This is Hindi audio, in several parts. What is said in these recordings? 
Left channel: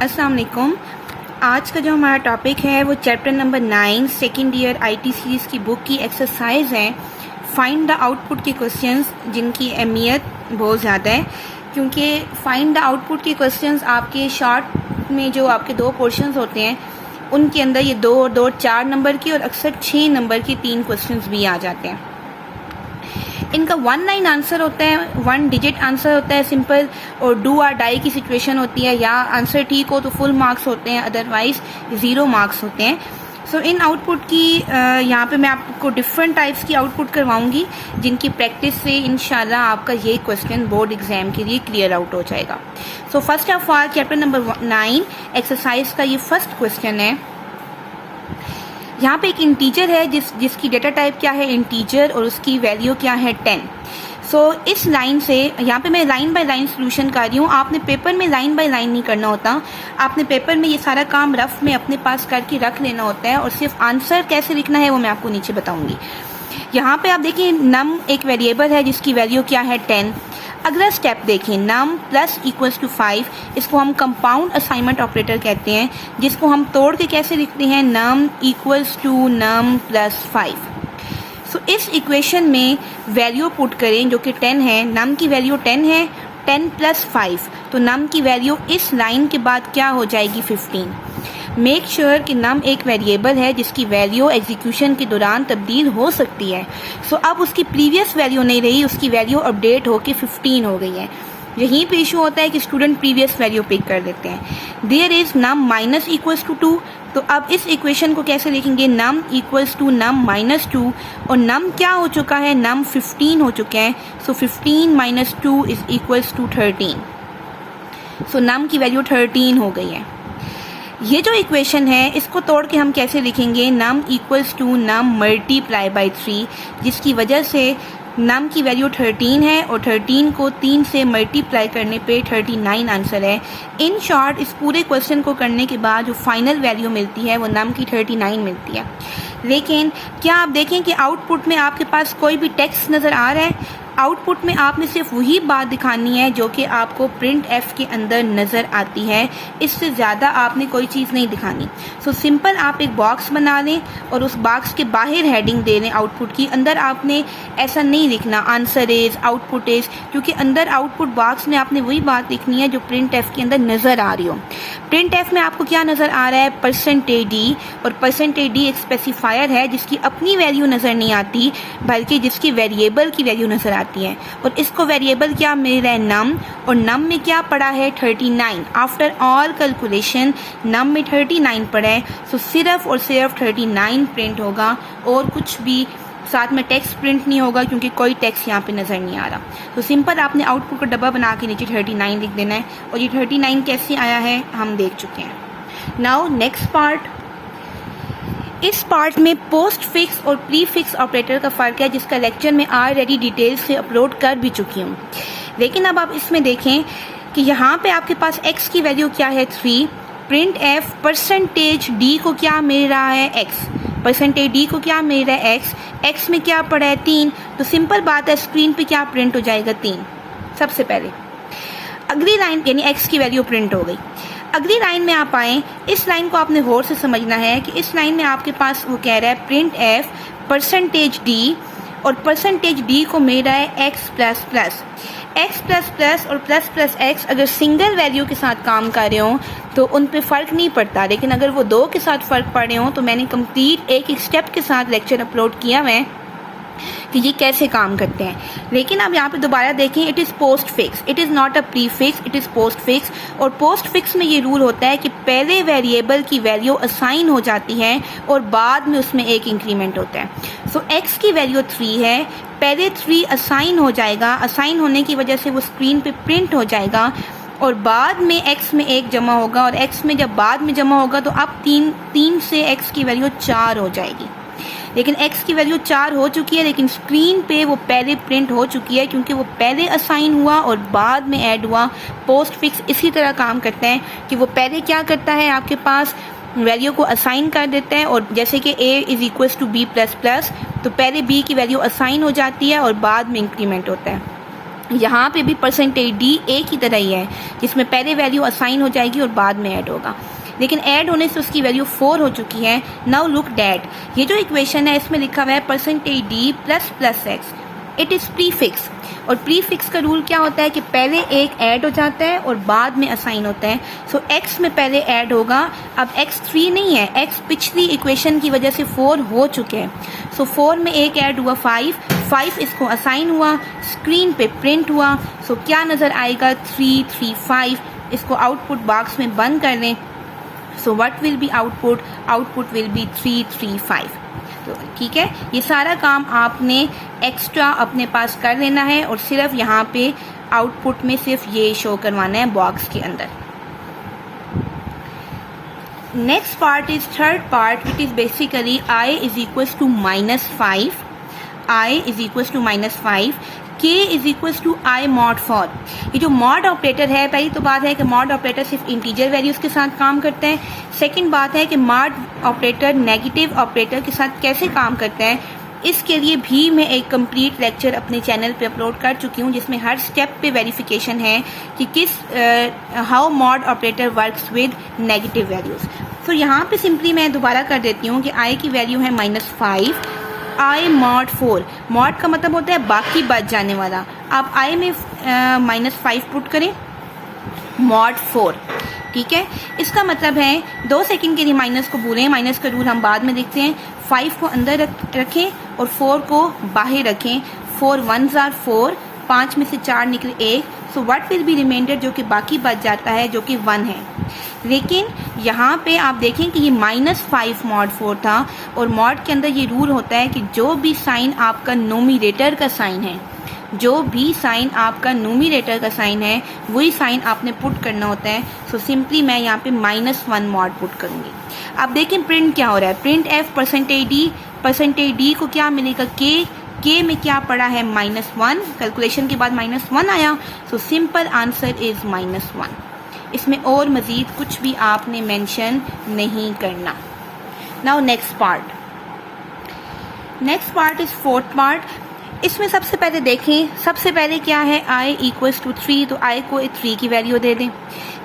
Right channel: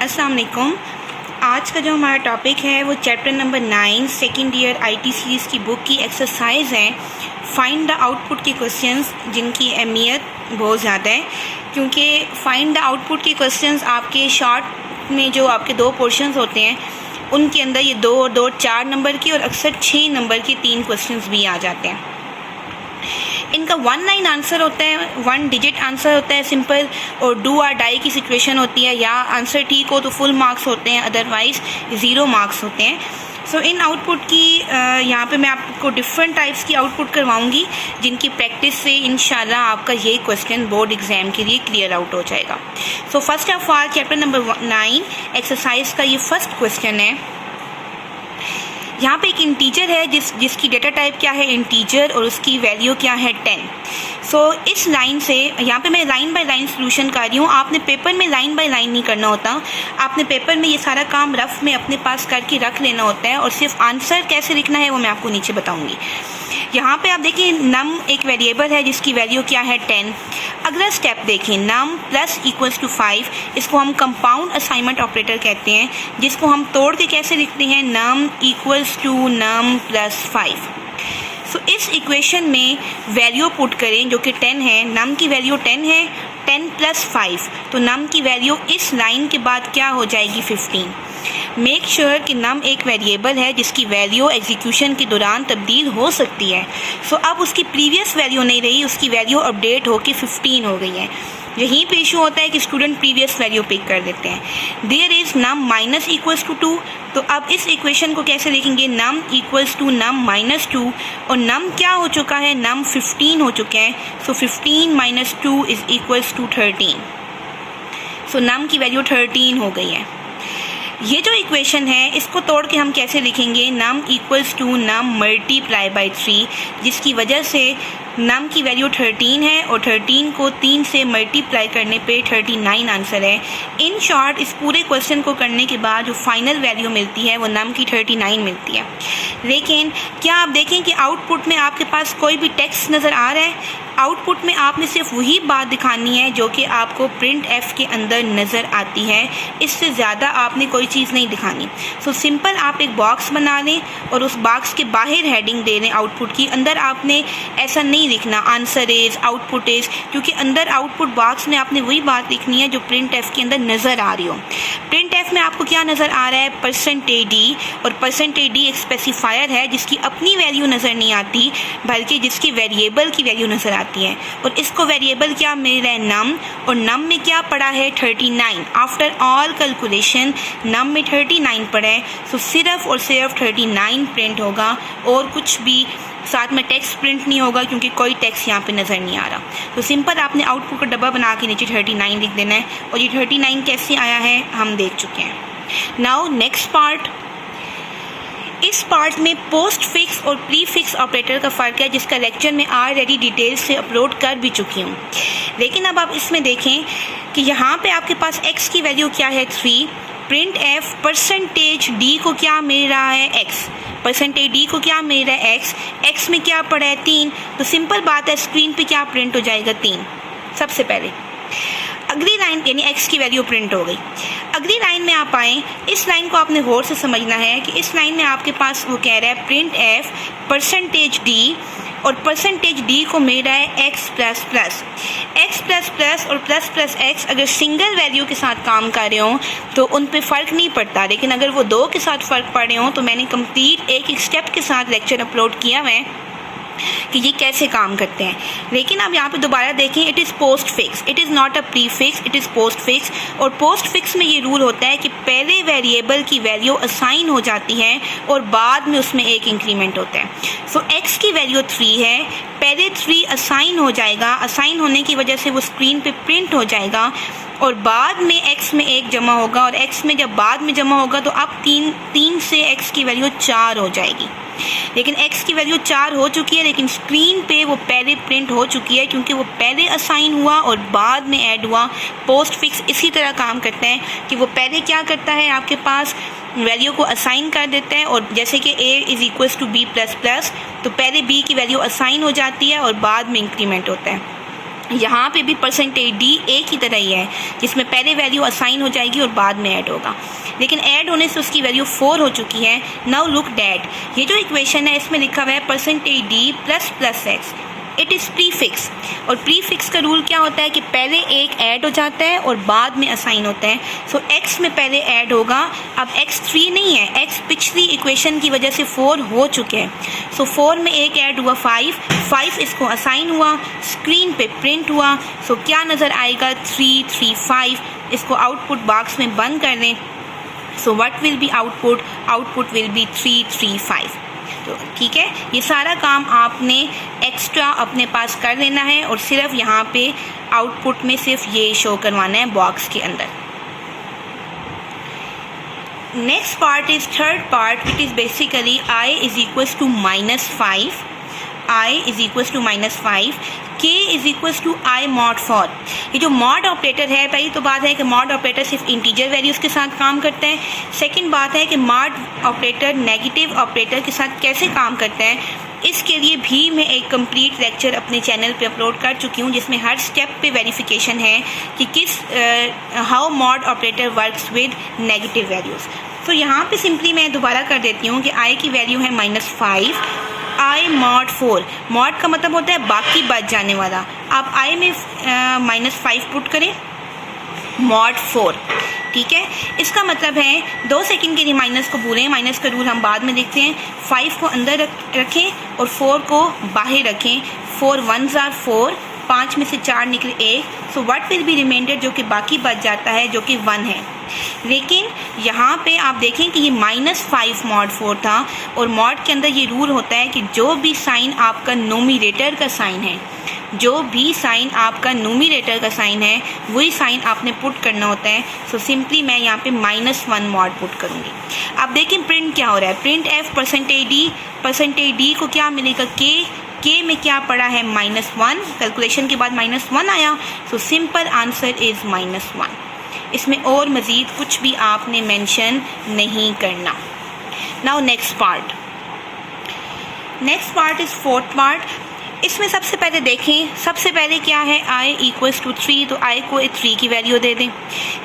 अस्सलाम वालेकुम। आज का जो हमारा टॉपिक है वो chapter number 9 second year IT series की बुक की एक्सरसाइज है। फाइंड द आउटपुट के क्वेश्चंस जिनकी अहमियत बहुत ज़्यादा है, क्योंकि फाइंड द आउटपुट के क्वेश्चंस आपके शॉर्ट में जो आपके दो पोर्शंस होते हैं उनके अंदर ये 2 और 2 4 नंबर की और अक्सर 6 नंबर की 3 क्वेश्चंस भी आ जाते हैं। इनका 1 लाइन आंसर होता है, 1 डिजिट आंसर होता है सिंपल, और डू और डाई की सिचुएशन होती है। या आंसर ठीक हो तो फुल मार्क्स होते हैं, अदरवाइज़ 0 मार्क्स होते हैं। सो इन आउटपुट की यहाँ पे मैं आपको डिफरेंट टाइप्स की आउटपुट करवाऊँगी जिनकी प्रैक्टिस से इंशाल्लाह आपका ये क्वेश्चन बोर्ड एग्ज़ाम के लिए क्लियर आउट हो जाएगा। So first of all chapter number 9 exercise का ये फर्स्ट क्वेश्चन है। यहाँ पे एक इंटीजर है जिसकी डेटा टाइप क्या है, इंटीजर, और उसकी वैल्यू क्या है 10। सो इस लाइन से यहाँ पे मैं लाइन बाय लाइन सॉल्यूशन कर रही हूँ। आपने पेपर में लाइन बाय लाइन नहीं करना होता, आपने पेपर में ये सारा काम रफ में अपने पास करके रख लेना होता है, और सिर्फ आंसर कैसे लिखना है वो मैं आपको नीचे बताऊँगी। यहाँ पे आप देखिए नम एक वेरिएबल है जिसकी वैल्यू क्या है 10। अगला स्टेप देखें, नम प्लस इक्वल्स टू 5, इसको हम कंपाउंड असाइनमेंट ऑपरेटर कहते हैं, जिसको हम तोड़ के कैसे लिखते हैं, नम इक्वल्स टू नम प्लस 5। सो इस इक्वेशन में वैल्यू पुट करें जो कि 10 है। नम की वैल्यू 10 है, 10 प्लस 5, तो नम की वैल्यू इस लाइन के बाद क्या हो जाएगी 15। मेक श्योर कि नम एक वेरिएबल है जिसकी वैल्यू एग्जीक्यूशन के दौरान तब्दील हो सकती है। सो अब उसकी प्रीवियस वैल्यू नहीं रही, उसकी वैल्यू अपडेट होकर 15 हो गई है। यहीं पे इशू होता है कि स्टूडेंट प्रीवियस वैल्यू पिक कर देते हैं। There is num minus equals to 2, तो अब इस इक्वेशन को कैसे लिखेंगे, num equals to num minus 2, और नम क्या हो चुका है, नम 15 हो चुके हैं। सो 15 माइनस 2 इज़ इक्वल्स टू 13। सो नम की वैल्यू 13 हो गई है। ये जो इक्वेशन है इसको तोड़ के हम कैसे लिखेंगे, num equals to num multiply by 3, जिसकी वजह से नम की वैल्यू 13 है और 13 को 3 से मल्टीप्लाई करने पे 39 आंसर है। इन शॉर्ट इस पूरे क्वेश्चन को करने के बाद जो फाइनल वैल्यू मिलती है वो नम की 39 मिलती है। लेकिन क्या आप देखें कि आउटपुट में आपके पास कोई भी टेक्स्ट नज़र आ रहा है? आउटपुट में आपने सिर्फ वही बात दिखानी है जो कि आपको प्रिंट एफ के अंदर नज़र आती है, इससे ज़्यादा आपने कोई चीज़ नहीं दिखानी। सो सिंपल आप एक बॉक्स बना लें और उस बॉक्स के बाहर हेडिंग दे दें आउटपुट की। अंदर आपने ऐसा नहीं लिखना आंसर इज़, आउटपुट इज़, क्योंकि अंदर आउटपुट बॉक्स में आपने वही बात लिखनी है जो प्रिंट एफ के अंदर नज़र आ रही हो। प्रिंट एफ में आपको क्या नज़र आ रहा है, परसेंटेज डी, और परसेंटेज डी एक स्पेसिफायर है जिसकी अपनी वैल्यू नज़र नहीं आती बल्कि जिसकी वेरिएबल की वैल्यू नज़र आती है, और इसको वेरिएबल क्या मिल रहा है, नम, और नम में क्या पड़ा है 39। आफ्टर ऑल कैलकुलेशन नम में 39 पड़ा है। सो सिर्फ और सिर्फ 39 प्रिंट होगा और कुछ भी साथ में टेक्स्ट प्रिंट नहीं होगा, क्योंकि कोई टेक्स्ट यहाँ पे नज़र नहीं आ रहा। तो सिंपल आपने आउटपुट का डब्बा बना के नीचे 39 लिख देना है, और ये 39 कैसे आया है हम देख चुके हैं। Now next part. इस पार्ट में पोस्ट फिक्स और प्री फिक्स ऑपरेटर का फ़र्क है, जिसका लेक्चर में ऑलरेडी डिटेल से अपलोड कर भी चुकी हूँ। लेकिन अब आप इसमें देखें कि यहाँ पे आपके पास x की वैल्यू क्या है 3, प्रिंट एफ परसेंटेज डी को क्या मिल रहा है x, परसेंटेज डी को क्या मिल रहा है x में क्या पड़ा है 3, तो सिंपल बात है स्क्रीन पे क्या प्रिंट हो जाएगा 3। सबसे पहले अगली लाइन यानी x की वैल्यू प्रिंट हो गई। अगली लाइन में आप आएँ, इस लाइन को आपने गौर से समझना है कि इस लाइन में आपके पास वो कह रहा है प्रिंट एफ परसेंटेज डी, और परसेंटेज डी को मिल रहा है x plus plus. x plus plus और प्लस प्लस x अगर सिंगल वैल्यू के साथ काम कर रहे हो तो उन पे फ़र्क नहीं पड़ता, लेकिन अगर वो 2 के साथ फ़र्क पड़ रहे हो तो मैंने कंप्लीट एक स्टेप के साथ लेक्चर अपलोड किया हुआ है कि ये कैसे काम करते हैं। लेकिन अब यहाँ पे दोबारा देखें, it is post fix, it is not a pre fix, it is post fix. और पोस्ट फिक्स में ये रूल होता है कि पहले वेरिएबल की वैल्यू असाइन हो जाती है और बाद में उसमें एक इंक्रीमेंट होता है। सो x की वैल्यू 3 है, पहले 3 असाइन हो जाएगा, असाइन होने की वजह से वो स्क्रीन पे प्रिंट हो जाएगा, और बाद में x में 1 जमा होगा, और x में जब बाद में जमा होगा तो अब 3 से x की वैल्यू 4 हो जाएगी। लेकिन x की वैल्यू 4 हो चुकी है, लेकिन स्क्रीन पे वो पहले प्रिंट हो चुकी है क्योंकि वो पहले असाइन हुआ और बाद में ऐड हुआ। पोस्ट फिक्स इसी तरह काम करता है कि वो पहले क्या करता है, आपके पास वैल्यू को असाइन कर देता है, और जैसे कि a is equals to b plus plus, तो पहले b की वैल्यू असाइन हो जाती है और बाद में इंक्रीमेंट होता है। यहाँ पे भी परसेंटेज डी ए की तरह ही है, जिसमें पहले वैल्यू असाइन हो जाएगी और बाद में ऐड होगा, लेकिन ऐड होने से उसकी वैल्यू 4 हो चुकी है। नाउ लुक दैट, ये जो इक्वेशन है इसमें लिखा हुआ है percentage D plus plus x, it is prefix. और प्रीफिक्स का रूल क्या होता है कि पहले एक ऐड हो जाता है और बाद में असाइन होता है। सो एक्स में पहले ऐड होगा, अब एक्स 3 नहीं है, एक्स पिछली इक्वेशन की वजह से 4 हो चुके हैं। सो 4 में एक ऐड हुआ 5 इसको असाइन हुआ, स्क्रीन पे प्रिंट हुआ। सो क्या नज़र आएगा 3 3 5। इसको आउटपुट बॉक्स में बंद कर दें। सो what will B output will be 3 3 5। तो ठीक है, ये सारा काम आपने एक्स्ट्रा अपने पास कर लेना है और सिर्फ यहाँ पे आउटपुट में सिर्फ ये शो करवाना है बॉक्स के अंदर। Next part is third part, it is basically i is equals to -5, i is equals to -5, k is equals to i mod 4। ये जो मॉड ऑपरेटर है, पहली तो बात है कि मॉड ऑपरेटर सिर्फ इंटीजर वैल्यूज़ के साथ काम करता है। सेकंड बात है कि मॉड ऑपरेटर नेगेटिव ऑपरेटर के साथ कैसे काम करता है, इसके लिए भी मैं एक कंप्लीट लेक्चर अपने चैनल पे अपलोड कर चुकी हूँ, जिसमें हर स्टेप पे वेरिफिकेशन है कि किस how mod operator works with negative values. तो यहाँ पे सिंपली मैं दोबारा कर देती हूँ कि i की वैल्यू है -5, i mod 4। मॉड का मतलब होता है बाकी बच जाने वाला। आप i में -5 पुट करें, mod 4, ठीक है। इसका मतलब है 2 सेकंड के लिए माइनस को भूलें, माइनस का रूल हम बाद में देखते हैं। 5 को अंदर रखें और 4 को बाहर रखें। 4 1s are 4, 5 में से 4 निकले 1। So what will be remainder, जो कि बाकी बच जाता है, जो कि 1 है। लेकिन यहाँ पे आप देखें कि ये -5 mod 4 था, और मॉड के अंदर ये रूल होता है कि जो भी साइन आपका नोमिनेटर का साइन है, जो भी साइन आपका नोमिनेटर का साइन है, वही साइन आपने पुट करना होता है। सो सिंपली मैं यहाँ पे -1 मॉड पुट करूँगी। अब देखें प्रिंट क्या हो रहा है, प्रिंट एफ परसेंटेज डी को क्या मिलेगा, के में क्या पड़ा है -1, कैलकुलेशन के बाद -1 आया। So simple answer is -1। इसमें और मज़ीद कुछ भी आपने मेंशन नहीं करना। Now next part is fourth part. इसमें सबसे पहले देखें, सबसे पहले क्या है, i इक्वल्स टू 3, तो i को 3 की वैल्यू दे दें।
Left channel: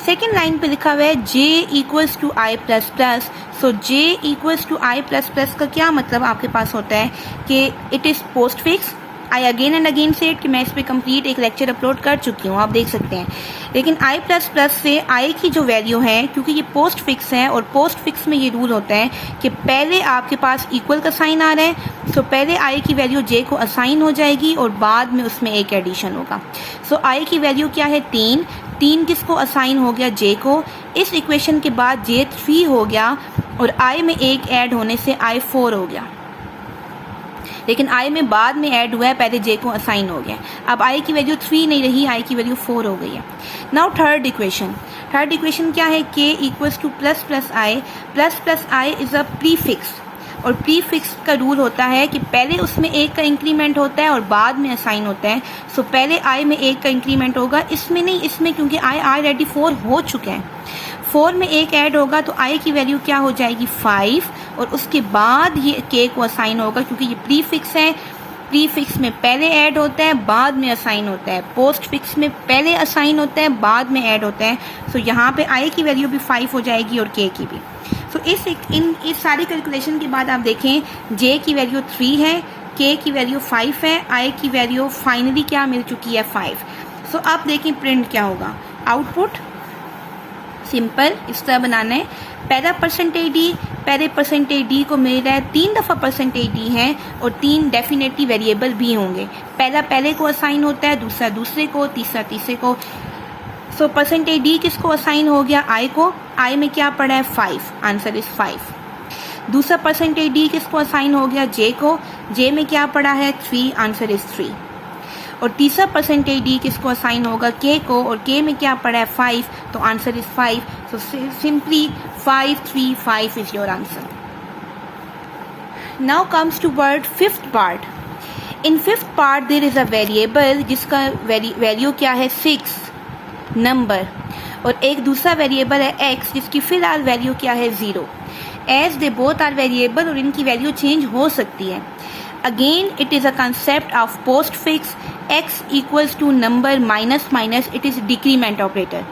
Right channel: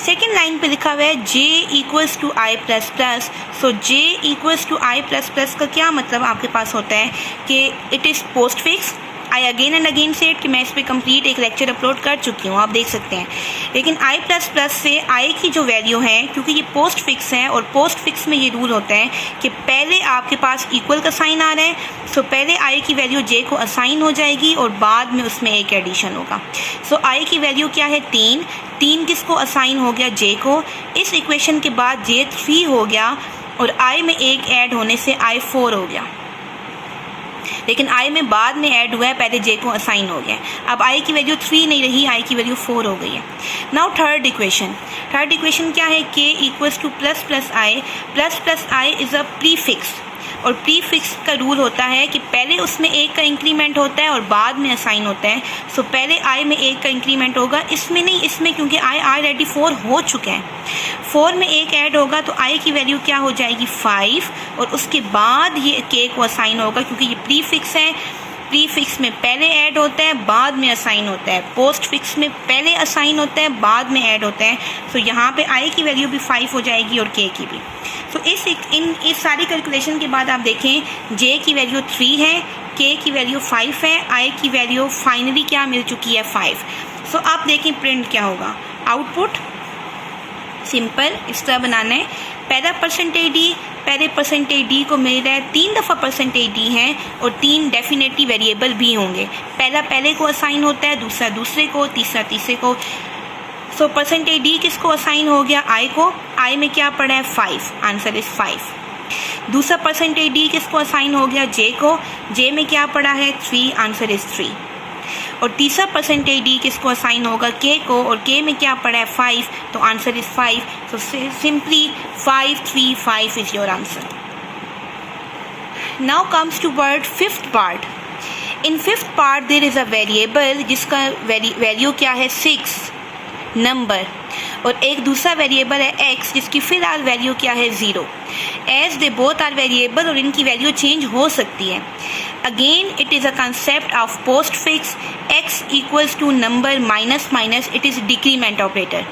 सेकेंड लाइन पे लिखा हुआ है j equals to i plus plus. सो j equals to i plus plus का क्या मतलब आपके पास होता है कि it is postfix. I again and again said कि मैं इस पर कंप्लीट एक लेक्चर अपलोड कर चुकी हूँ, आप देख सकते हैं। लेकिन i प्लस प्लस से i की जो वैल्यू है, क्योंकि ये पोस्ट फिक्स है और पोस्ट फिक्स में ये रूल होता है कि पहले आपके पास इक्वल का साइन आ रहा है, सो पहले i की वैल्यू j को असाइन हो जाएगी और बाद में उसमें एक एडिशन होगा। सो i की वैल्यू क्या है 3 किसको असाइन हो गया, j को। इस इक्वेशन के बाद j 3 हो गया और i में एक ऐड होने से i 4 हो गया, लेकिन i में बाद में ऐड हुआ है, पहले j को असाइन हो गया। अब i की वैल्यू 3 नहीं रही, i की वैल्यू 4 हो गई है। नाउ थर्ड इक्वेशन क्या है, k equals two plus plus i is a prefix. और प्रीफिक्स का रूल होता है कि पहले उसमें एक का इंक्रीमेंट होता है और बाद में असाइन होता है। सो पहले i में एक का इंक्रीमेंट होगा, इसमें नहीं, इसमें क्योंकि i ऑलरेडी 4 हो चुके हैं। 4 में एक ऐड होगा तो i की वैल्यू क्या हो जाएगी 5, और उसके बाद ये k को असाइन होगा, क्योंकि ये प्रीफिक्स है। प्रीफिक्स में पहले ऐड होता है, बाद में असाइन होता है। पोस्ट फिक्स में पहले असाइन होता है, बाद में ऐड होता है। सो यहाँ पे i की वैल्यू भी 5 हो जाएगी और k की भी। तो इस सारी कैलकुलेशन के बाद आप देखें j की वैल्यू 3 है, k की वैल्यू 5 है, i की वैल्यू फाइनली क्या मिल चुकी है 5। सो आप देखें प्रिंट क्या होगा, आउटपुट सिंपल इस तरह बनाना है। पहले परसेंटेज डी को मिल रहा है 3 दफ़ा परसेंटेज डी है और 3 डेफिनेटली वेरिएबल भी होंगे। पहला पहले को असाइन होता है, दूसरा दूसरे को, तीसरा तीसरे को। सो परसेंटेज डी किसको असाइन हो गया, i को। i में क्या पड़ा है 5, आंसर इज़ 5। दूसरा परसेंटेज डी किसको असाइन हो गया, j को। j में क्या पड़ा है 3, आंसर इज़ 3। और तीसरा परसेंटेज डी किसको असाइन होगा, k को, और k में क्या पड़ा है 5, तो answer is 5। So simply 5 3 5 is your answer. Now comes to word fifth part. In fifth part there is a variable जिसका वैल्यू क्या है 6 नंबर, और एक दूसरा वेरिएबल है x जिसकी फ़िलहाल वैल्यू क्या है 0। As they both are variable और इनकी वैल्यू चेंज हो सकती है। Again it is a concept of postfix. x equals to number minus minus, it is decrement operator.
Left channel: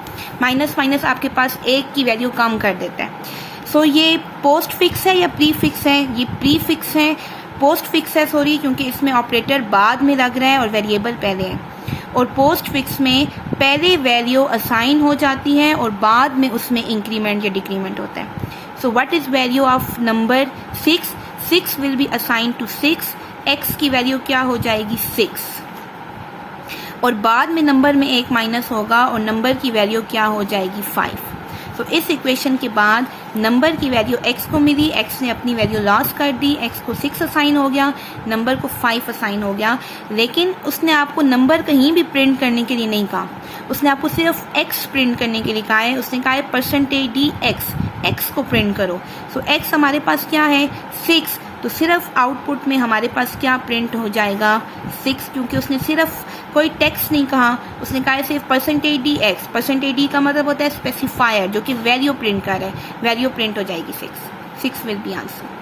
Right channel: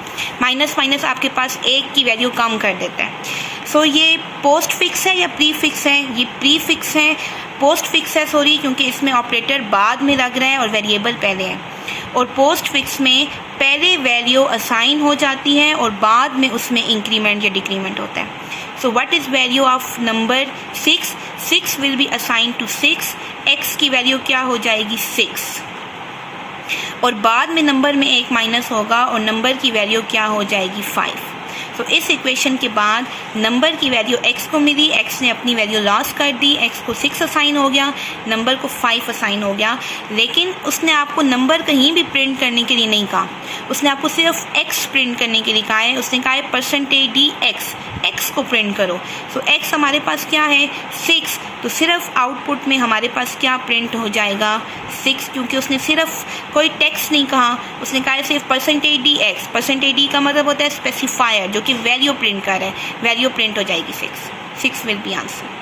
Minus minus आपके पास एक की वैल्यू कम कर देता है. सो ये पोस्ट फिक्स है या प्री फिक्स है? ये प्री फिक्स है, पोस्ट फिक्स है सॉरी, क्योंकि इसमें ऑपरेटर बाद में लग रहा है और वेरिएबल पहले है. और पोस्ट फिक्स में पहले वैल्यू असाइन हो जाती है और बाद में उसमें इंक्रीमेंट या डिक्रीमेंट होता है. So what is value of number 6? 6 will be assign to 6. x की वैल्यू क्या हो जाएगी? 6. और बाद में नंबर में एक माइनस होगा और नंबर की वैल्यू क्या हो जाएगी? 5. तो इस इक्वेशन के बाद नंबर की वैल्यू x को मिली, x ने अपनी वैल्यू लॉस कर दी, x को 6 असाइन हो गया, नंबर को 5 असाइन हो गया. लेकिन उसने आपको नंबर कहीं भी प्रिंट करने के लिए नहीं कहा, उसने आपको सिर्फ x प्रिंट करने के लिए कहा है. उसने कहा है %dx, x को प्रिंट करो. सो x हमारे पास क्या है? 6. तो सिर्फ आउटपुट में हमारे पास क्या प्रिंट हो जाएगा? 6, क्योंकि उसने सिर्फ कोई टेक्स्ट नहीं कहा, उसने कहा है सिर्फ %dx. %d का मतलब होता है स्पेसिफायर, जो कि वैल्यू प्रिंट कर रहा है. वैल्यू प्रिंट हो जाएगी 6 will be answer.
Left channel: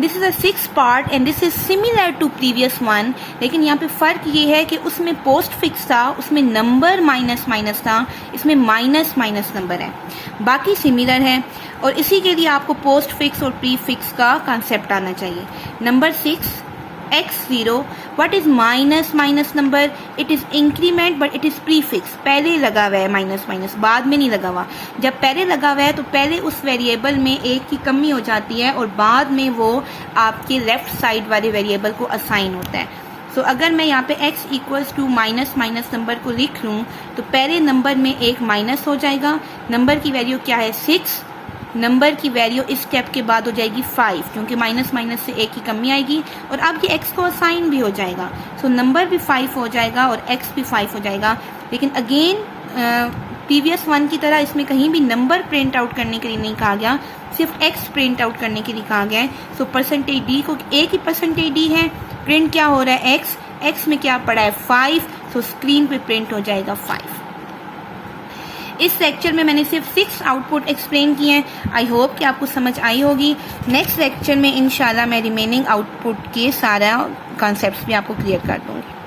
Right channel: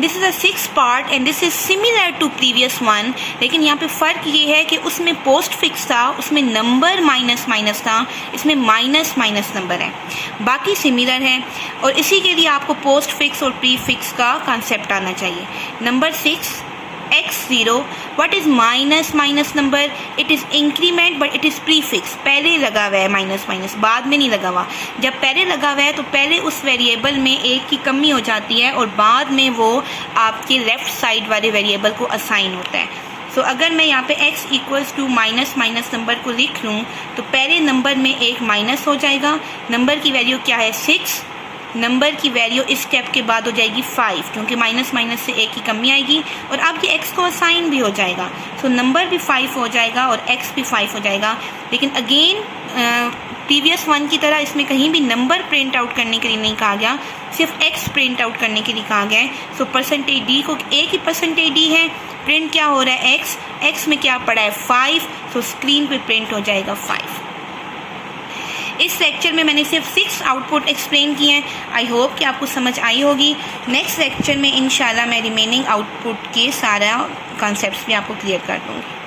This is a 6 part and this is similar to previous one. लेकिन यहाँ पे फ़र्क ये है कि उसमें पोस्ट फिक्स था, उसमें नंबर माइनस माइनस था, इसमें माइनस माइनस नंबर है. बाकी सिमिलर है और इसी के लिए आपको पोस्ट फिक्स और प्री फिक्स का कॉन्सेप्ट आना चाहिए. Number 6 x0. What is minus minus number? It is increment but it is pre fix. पहले लगा हुआ है माइनस माइनस, बाद में नहीं लगा हुआ. जब पहले लगा हुआ है तो पहले उस वेरिएबल में एक की कमी हो जाती है और बाद में वो आपके लेफ़्ट साइड वाले वेरिएबल को असाइन होता है. सो अगर मैं यहाँ पे x equals to minus minus number को लिख लूँ तो पहले नंबर में एक माइनस हो जाएगा. नंबर की वैल्यू क्या है? 6. नंबर की वैल्यू इस स्टेप के बाद हो जाएगी 5, क्योंकि माइनस माइनस से एक की कमी आएगी और अब ये x को असाइन भी हो जाएगा. सो नंबर भी 5 हो जाएगा और x भी 5 हो जाएगा. लेकिन अगेन प्रीवियस वन की तरह इसमें कहीं भी नंबर प्रिंट आउट करने के लिए नहीं कहा गया, सिर्फ x प्रिंट आउट करने के लिए कहा गया है. सो %d को एक ही %d है, प्रिंट क्या हो रहा है? x में क्या पड़ा है? 5. सो स्क्रीन पे प्रिंट हो जाएगा 5. इस लेक्चर में मैंने सिर्फ 6 आउटपुट एक्सप्लेन किए हैं. आई होप कि आपको समझ आई होगी. नेक्स्ट लेक्चर में इंशाल्लाह मैं रिमेनिंग आउटपुट के सारा कॉन्सेप्ट्स भी आपको क्लियर कर दूँगी.